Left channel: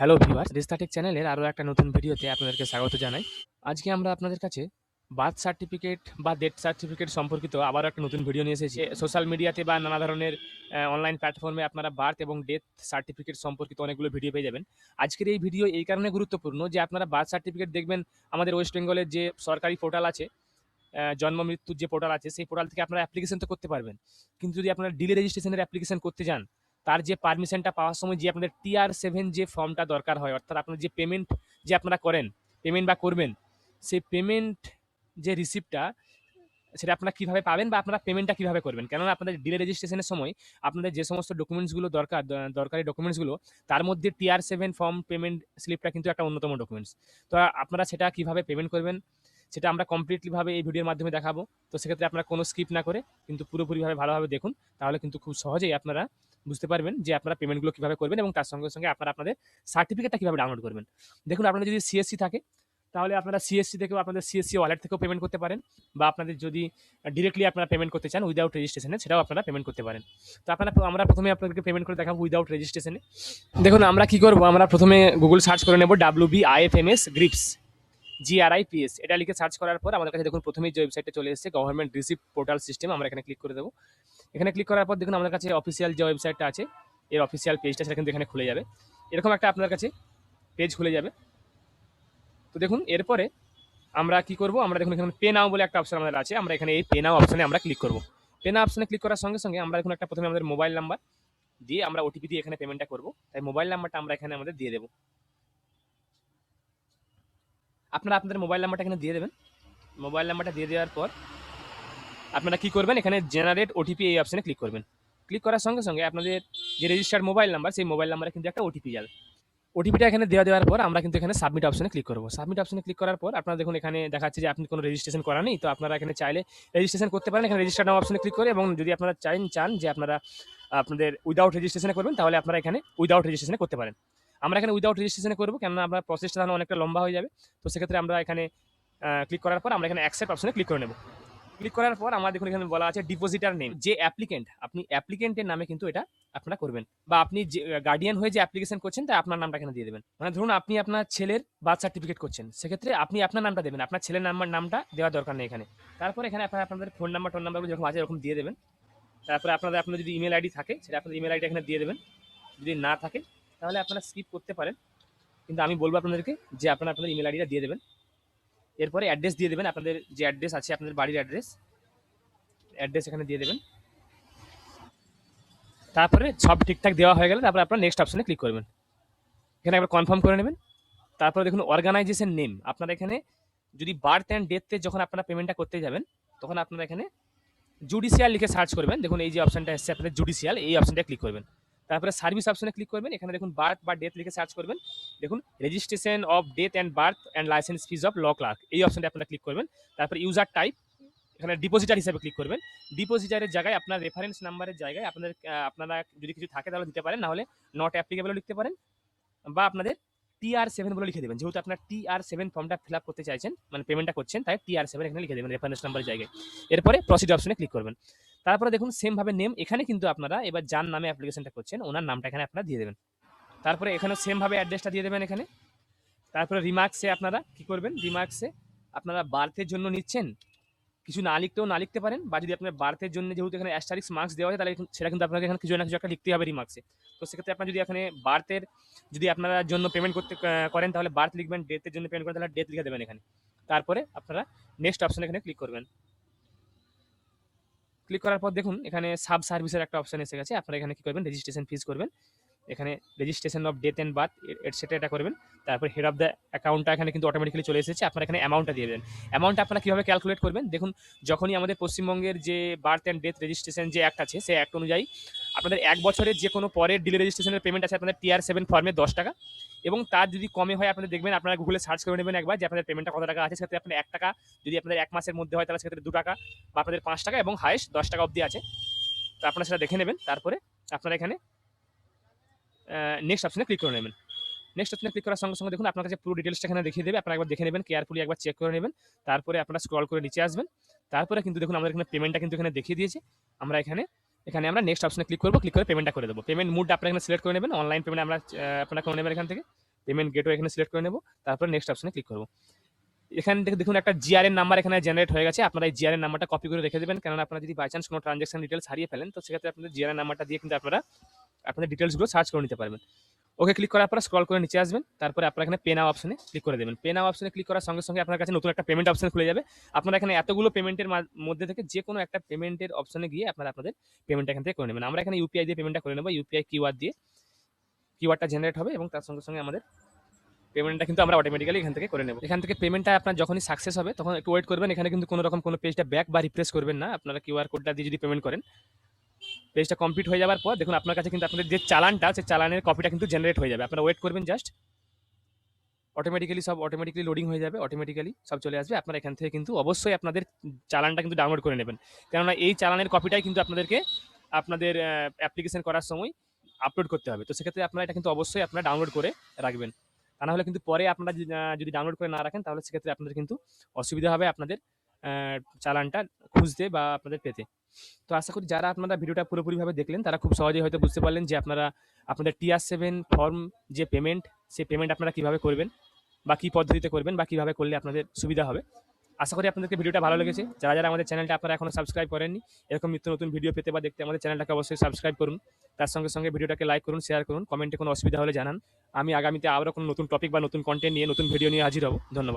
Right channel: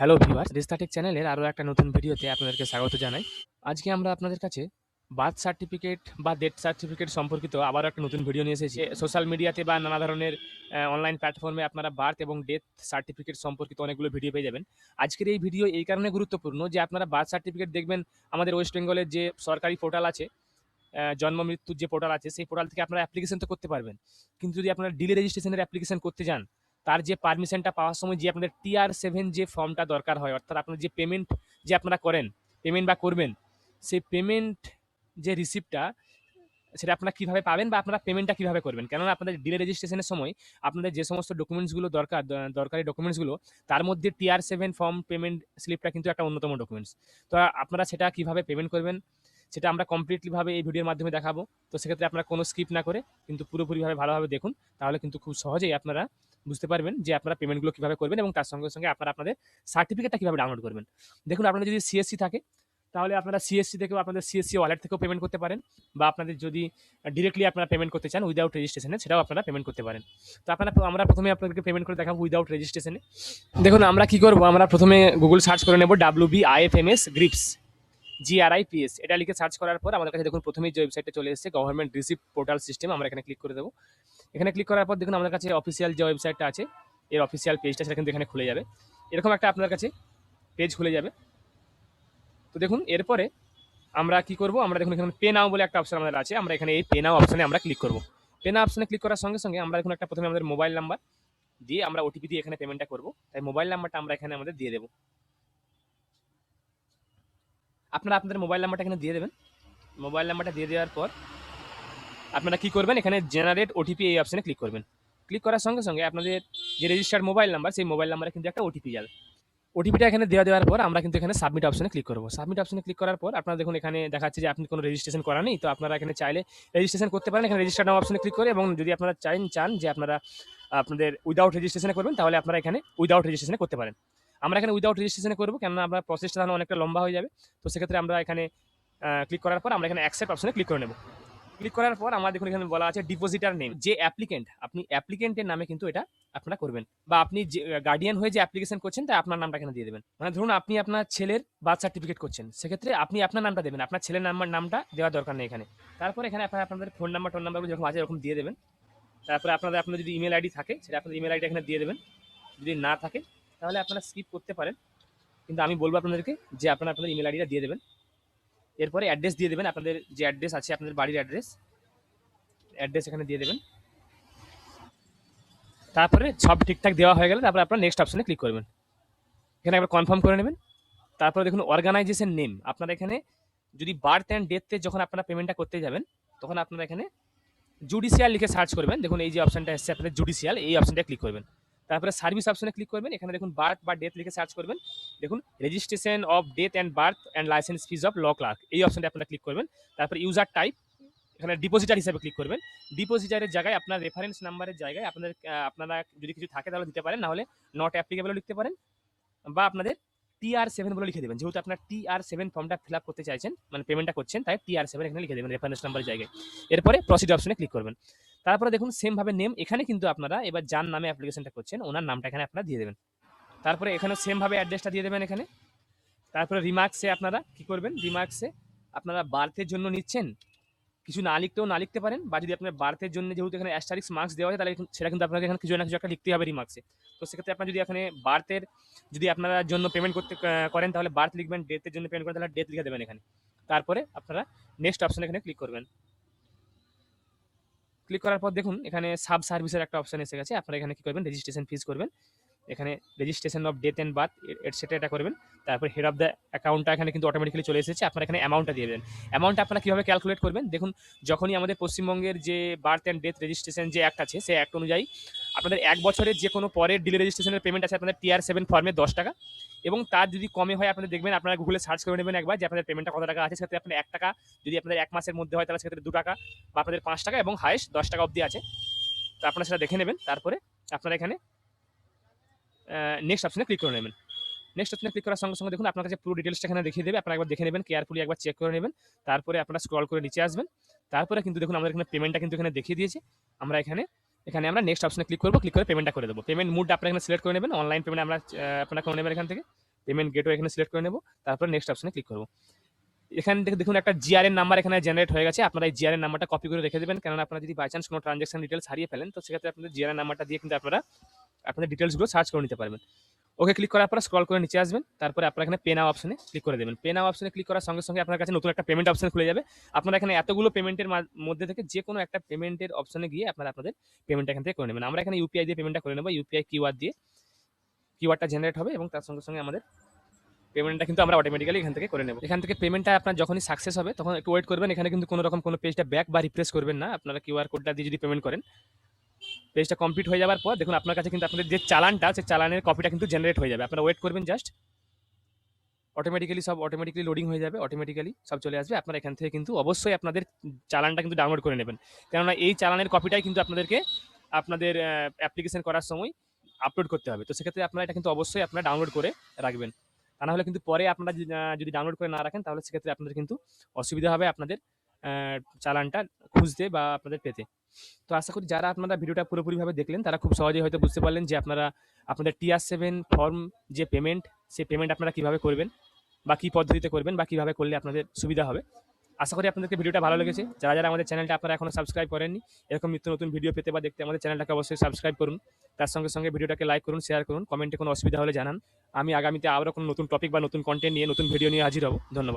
Hello viewers, রিস্তাটেক চ্যানেলের আরও একটা নতুন ভিডিওতে আপনাদেরকে স্বাগত জানাই। আজকে আমরা আপনাদের কাছে বার্থ সার্টিফিকেট বা ডেথ সার্টিফিকেট সম্পর্কিত আবারও একটা নতুন ভিডিও নিয়ে এসেছি। সোশ্যাল মিডিয়াতে বা নানা ধরনের অনলাইন প্ল্যাটফর্মে আপনারা বার্থ এবং ডেথ সার্টিফিকেট সম্পর্কিত অনেকগুলো ভিডিও পেয়ে যাবেন। আজকের এই ভিডিও এই কারণে গুরুত্বপূর্ণ যে আপনারা বার্থ সার্টিফিকেট দেখবেন আমাদের ওয়েস্ট বেঙ্গলের যে সরকারি পোর্টাল আছে, জন্ম মৃত্যুর যে পোর্টাল আছে, সেই পোর্টাল থেকে আপনারা অ্যাপ্লিকেশন তো করতে পারবেন। কিন্তু যদি আপনারা ডিলে রেজিস্ট্রেশনের অ্যাপ্লিকেশন করতে যান, তার যে পারমিশনটা পাওয়ার সময় যে আপনাদের TR7 যে ফর্মটা দরকার হয়, অর্থাৎ আপনার যে পেমেন্ট যে আপনারা করেন, পেমেন্ট বা করবেন, সেই পেমেন্ট যে রিসিপ্টটা সেটা আপনারা কিভাবে পাবেন বা আপনারা পেমেন্টটা কিভাবে করবেন। কেননা আপনাদের ডিলে রেজিস্ট্রেশনের সময় আপনাদের যে সমস্ত ডকুমেন্টসগুলো দরকার, দরকারি ডকুমেন্টসগুলো, তার মধ্যে TR7 ফর্ম পেমেন্ট স্লিপটা কিন্তু একটা অন্যতম ডকুমেন্টস। তো আপনারা সেটা কিভাবে পেমেন্ট করবেন সেটা আমরা কমপ্লিটলি ভাবে এই ভিডিওর মাধ্যমে দেখাবো। তো সেক্ষেত্রে আপনারা কোনো স্কিপ না করে কিন্তু পুরোপুরিভাবে ভালোভাবে দেখুন, তাহলে কিন্তু খুব সহজেই আপনারা বুঝতে পারবেন যে আপনারা পেমেন্টগুলো কিভাবে করবেন এবং তার সঙ্গে সঙ্গে আপনারা আপনাদের সার্টিফিকেটটা কিভাবে ডাউনলোড করবেন। দেখুন, আপনাদের যদি সিএসসি থাকে তাহলে আপনারা সিএসসি থেকেও আপনাদের সিএসসি ওয়ালেট থেকেও পেমেন্ট করতে পারেন, বা আপনাদের যদি ডিরেক্টলি আপনারা পেমেন্ট করতে চান উইদাউট রেজিস্ট্রেশনে, সেটাও আপনারা পেমেন্ট করতে পারেন। তো আমরা প্রথমে আপনাদেরকে পেমেন্ট করে দেখাবো উইদাউট রেজিস্ট্রেশনে। দেখুন আমরা কি করবো, আমরা প্রথমে গুগল সার্চ করে নেব WBIFMS গ্রিপস, GRIPS, এটা লিখে সার্চ করার পর আমার কাছে দেখুন প্রথমেই যে ওয়েবসাইটটা চলে এসেছে গভর্নমেন্ট রিসিপ্ট পোর্টাল সিস্টেম। আমরা এখানে ক্লিক করে দেবো। এখানে ক্লিক করার পর দেখুন আমার কাছে অফিসিয়াল যে ওয়েবসাইটটা আছে, এর অফিসিয়াল পেজটা সেটা কিন্তু এখানে খুলে যাবে। এরকম একটা আপনার কাছে পেজ খুলে যাবে। তো দেখুন এরপরে আমরা কি করব, আমরা দেখুন এখানে পে নাও বলে একটা অপশন আমাদের আছে, আমরা এখানে এই পে নাও অপশনে আমরা ক্লিক করব। পে নাও অপশনে ক্লিক করার সঙ্গে সঙ্গে আমরা এখন একটা প্রথমে আমাদের মোবাইল নাম্বার দিয়ে আমরা ওটিপি দিয়ে এখানে পেমেন্টটা করব। তাই মোবাইল নাম্বারটা আমরা এখানে আমাদের দিয়ে দেবো। আপনারা আপনাদের মোবাইল নাম্বারটা এখানে দিয়ে দেবেন। মোবাইল নাম্বারটা দিয়ে দেওয়ার পর আপনারা কি করবেন, এখানে জেনারেট ওটিপি এই অপশনে ক্লিক করবেন। ক্লিক করার সঙ্গে সঙ্গে আপনাদের যে রেজিস্টার্ড মোবাইল নাম্বার, সেই মোবাইল নাম্বারে কিন্তু একটা ওটিপি যাবে। ওটিপিটা এখানে দেওয়ার পর আমরা কিন্তু এখানে সাবমিট অপশনে ক্লিক করব। সাবমিট অপশনে ক্লিক করার পর আপনারা দেখুন এখানে দেখাচ্ছে যে আপনি কোনো রেজিস্ট্রেশন করা নেই। তো আপনারা এখানে চাইলে রেজিস্ট্রেশন করতে পারেন। এখানে রেজিস্টার নাও অপশনে ক্লিক করে, এবং যদি আপনারা চান যে আপনারা আপনাদের উইদাউট রেজিস্ট্রেশনে করবেন, তাহলে আপনারা এখানে উইদাউট রেজিস্ট্রেশনে করতে পারেন। আমরা এখানে উইদাউট রেজিস্ট্রেশনে করবো, কেননা আমরা প্রসেসটা তাহলে অনেকটা লম্বা হয়ে যাবে। তো সেক্ষেত্রে আমরা এখানে ক্লিক করার পর আমরা এখানে অ্যাকসেপ্ট অপশনে ক্লিক করে নেব। ক্লিক করার পর আমার দেখুন এখানে বলা আছে ডিপোজিটার নেম, যে অ্যাপ্লিকেন্ট, আপনি অ্যাপ্লিকেন্টের নামে কিন্তু এটা আপনারা করবেন, বা আপনি যে গার্ডিয়ান হয়ে যে অ্যাপ্লিকেশন করছেন তাই আপনার নামটা এখানে দিয়ে দেবেন। মানে ধরুন আপনি আপনার ছেলের বার্থ সার্টিফিকেট করছেন, সেক্ষেত্রে আপনি আপনার নামটা দেবেন, আপনার ছেলের নামটা দেওয়ার দরকার নেই এখানে। তারপর এখানে আপনারা আপনাদের ফোন নাম্বারগুলো যেরকম আছে এরকম দিয়ে দেবেন। তারপরে আপনাদের যদি ইমেল আইডি থাকে সেটা আপনাদের ইমেল আইডি এখানে দিয়ে দেবেন। যদি না থাকে তাহলে আপনারা স্কিপ করতে পারেন, কিন্তু আমি বলবো আপনাদেরকে যে আপনারা আপনাদের ইমেল আইডিটা দিয়ে দেবেন। এরপরে অ্যাড্রেস দিয়ে দেবেন, আপনাদের যে অ্যাড্রেস আছে আপনাদের বাড়ির অ্যাড্রেস এখানে দিয়ে দেবেন। তারপরে সব ঠিকঠাক দেওয়া হয়ে গেলে তারপরে আপনারা নেক্সট অপশনে ক্লিক করবেন। এখানে একবার কনফার্ম করে নেবেন। তারপরে দেখুন অর্গানাইজেশন নেম, আপনারা এখানে যদি বার্থ অ্যান্ড ডেথে যখন আপনারা পেমেন্টটা করতে যাবেন, তখন আপনারা এখানে জুডিশিয়াল লিখে সার্চ করবেন। দেখুন এই যে অপশনটা এসছে আপনাদের জুডিশিয়াল, এই অপশনটা ক্লিক করবেন। তারপরে সার্ভিস অপশনে ক্লিক করবেন। এখানে দেখুন বার্থ বা ডেথ লিখে সার্চ করবেন। দেখুন registration of death and birth and licence fees of law clerk, এই অপশনটা আপনারা ক্লিক করবেন। তারপরে ইউজার টাইপ, এখানে ডিপোজিটার হিসেবে ক্লিক করবেন। ডিপোজিটারের জায়গায় আপনার রেফারেন্স নাম্বারের জায়গায় আপনারা যদি কিছু থাকে তাহলে দিতে পারেন, নাহলে নট অ্যাপ্লিকেবলও লিখতে পারেন, বা আপনাদের TR7 বলে লিখে দেবেন। যেহেতু আপনার TR7 ফর্মটা ফিল আপ করতে চাইছেন, মানে পেমেন্টটা করছেন, তাই TR7 এখানে লিখে দেবেন রেফারেন্স নাম্বারের জায়গায়। এরপরে প্রসিড অপশনে ক্লিক করবেন। তারপরে দেখুন সেম ভাবে নেম, এখানে কিন্তু আপনারা এবার যার নামে অ্যাপ্লিকেশনটা করছেন ওনার নামটা এখানে আপনারা দিয়ে দেবেন। তারপরে এখানে সেম ভাবে অ্যাড্রেসটা দিয়ে দেবেন এখানে। তারপরে রিমার্কসে আপনারা কি করবেন, রিমার্কসে আপনারা বার্থের জন্য নিচ্ছেন, কিছু না লিখতে পারেন, বা যদি আপনার বার্থের জন্য যেহেতু এখানে অ্যাস্টারিক্স মার্কস দেওয়া হয়, তাহলে সেটা কিন্তু আপনাকে এখানে কিছু না কিছু একটা লিখতে হবে রিমার্কসে। তো সেক্ষেত্রে আপনি যদি এখানে বার্থের যদি আপনারা জন্য পেমেন্ট করতে করেন তাহলে বার্থ লিখবেন, ডেথের জন্য পেমেন্ট করেন তাহলে ডেথ লিখে দেবেন এখানে। তারপরে আপনারা নেক্সট অপশন এখানে ক্লিক করবেন। ক্লিক করার পর দেখুন এখানে সাব সার্ভিসের একটা অপশন এসে গেছে। আপনারা এখানে কি করবেন, রেজিস্ট্রেশন ফিজ করবেন। এখানে registration of death and birth etcetera এটা করবেন। তারপর হেড অফ দ্য অ্যাকাউন্টটা এখানে কিন্তু অটোমেটিক্যালি চলে এসেছে। আপনারা এখানে অ্যামাউন্টটা দিয়ে দেবেন। অ্যামাউন্টটা আপনারা কীভাবে ক্যালকুলেট করবেন, দেখুন যখনই আমাদের পশ্চিমবঙ্গের যে বার্থ অ্যান্ড ডেথ রেজিস্ট্রেশন যে অ্যাক্ট আছে, সেই অ্যাক্ট অনুযায়ী আপনাদের 1 বছরের যে কোনো পরের ডিলে রেজিস্ট্রেশনের পেমেন্ট আছে আপনাদের TR7 ফর্মে 10 টাকা, এবং তার যদি কমে হয় আপনাদের দেখবেন, আপনারা গুগলে সার্চ করে নেবেন একবার যে আপনাদের পেমেন্টটা কত টাকা আছে। সেক্ষেত্রে আপনার 1 টাকা, যদি আপনাদের 1 মাসের মধ্যে হয় তাহলে সেক্ষেত্রে 2 টাকা, বা আপনাদের 5 টাকা, এবং হাইস্ট 10 টাকা অবধি আছে। তো আপনারা সেটা দেখে নেবেন। তারপরে আপনারা এখানে নেক্সট অপশনে ক্লিক করে নেবেন। নেক্সট অপশনে ক্লিক করার সঙ্গে সঙ্গে দেখুন আপনার কাছে পুরো ডিটেলসটা এখানে দেখিয়ে দেবে। আপনারা একবার দেখে নেবেন, কেয়ারফুলি একবার চেক করে নেবেন। তারপরে আপনারা স্ক্রল করে নিচে আসবেন। তারপরে কিন্তু দেখুন আমাদের এখানে পেমেন্টটা কিন্তু এখানে দেখিয়ে দিয়েছে। আমরা এখানে আমরা নেক্সট অপশনে ক্লিক করব। ক্লিক করে পেমেন্টটা করে দেবো। পেমেন্ট মুডটা আপনারা এখানে সিলেক্ট করে নেবেন। অনলাইন পেমেন্ট আপনারা করে নেবেন এখান থেকে। পেমেন্ট গেটওয়ে এখানে সিলেক্ট করে নেব, তারপরে নেক্সট অপশনে ক্লিক করব। এখান থেকে দেখুন একটা জিআরএন নাম্বার এখানে জেনারেট হয়ে গেছে। আপনারা এই জিআরএন নাম্বারটা কপি করে রেখে দেবেন, কারণ আপনারা যদি বাই চান্স কোনো ট্রানজাকশন ডিটেলস হারিয়ে ফেলেন তো সেক্ষেত্রে আপনাদের জিআরএন নাম্বারটা দিয়ে কিন্তু আপনারা আপনাদের ডিটেলসগুলো সার্চ করে নিতে পারবেন। ওকে ক্লিক করার পর স্ক্রল করে নিচে আসবেন, তারপরে আপনারা এখানে পে নাও অপশনে ক্লিক করে দেবেন। পে নাও অপশনে ক্লিক করার সঙ্গে সঙ্গে আপনার কাছে নতুন একটা পেমেন্ট অপশন খুলে যাবে। আপনারা এখানে এতগুলো পেমেন্টের মধ্যে থেকে যে কোনো একটা পেমেন্টের অপশনে গিয়ে আপনারা আপনাদের পেমেন্টটা এখান থেকে করে নেবেন। আমরা এখানে ইউপিআই দিয়ে পেমেন্টটা করে নেব। ইউপিআই কিউআর দিয়ে কিউআরটা জেনারেট হবে এবং তার সঙ্গে সঙ্গে আমাদের পেমেন্টটা কিন্তু আমরা অটোমেটিক্যালি এখান থেকে করে নেব। এখান থেকে পেমেন্টটা আপনার যখনই সাকসেস হবে তখন একটু ওয়েট করবেন। এখানে কিন্তু কোনো রকম কোনো পেজটা ব্যাক বা রিফ্রেশ করবেন না। আপনারা কিউআর কোডটা দিয়ে যদি পেমেন্ট করেন, পেজটা কমপ্লিট হয়ে যাওয়ার পর দেখুন আপনার কাছে কিন্তু আপনাদের যে চালানটা, সেই চালানের কপিটা কিন্তু জেনারেট হয়ে যাবে। আপনারা ওয়েট করবেন জাস্ট, অটোমেটিক্যালি লোডিং হয়ে যাবে, অটোমেটিক্যালি সব চলে আসবে। আপনারা এখান থেকে কিন্তু অবশ্যই আপনাদের চালানটা কিন্তু ডাউনলোড করে নেবেন, কেননা এই চালানের কপিটাই কিন্তু আপনাদেরকে আপনাদের অ্যাপ্লিকেশন করার সময় আপলোড করতে হবে। তো সেক্ষেত্রে আপনারা এটা কিন্তু অবশ্যই আপনারা ডাউনলোড করে রাখবেন, তা নাহলে কিন্তু পরে আপনারা যদি ডাউনলোড করে না রাখেন তাহলে সেক্ষেত্রে আপনাদের কিন্তু অসুবিধা হবে আপনাদের চালানটা খুঁজতে বা আপনাদের পেতে। তো আশা করি যারা আপনারা ভিডিওটা পুরোপুরিভাবে দেখলেন তারা খুব সহজেই হয়তো বুঝতে পারলেন যে আপনারা আপনাদের TR7 ফর্ম যে পেমেন্ট, সেই পেমেন্ট আপনারা কীভাবে করবেন বা কী পদ্ধতিতে করবেন বা কীভাবে করলে আপনাদের সুবিধা হবে। আশা করি আপনাদেরকে ভিডিওটা ভালো লেগেছে। যারা যারা আমাদের চ্যানেলটা আপনারা এখনো সাবস্ক্রাইব করেননি, এরকম নিত্য নতুন ভিডিও পেতে বা দেখতে আমাদের চ্যানেলটাকে অবশ্যই সাবস্ক্রাইব করুন। তার সঙ্গে সঙ্গে ভিডিওটাকে লাইক করুন, শেয়ার করুন, কমেন্টে কোনো অসুবিধা হলে জানান। আমি আগামীতে আবারও কোনো নতুন টপিক বা নতুন কন্টেন্ট নিয়ে নতুন ভিডিও নিয়ে হাজির হব। ধন্যবাদ।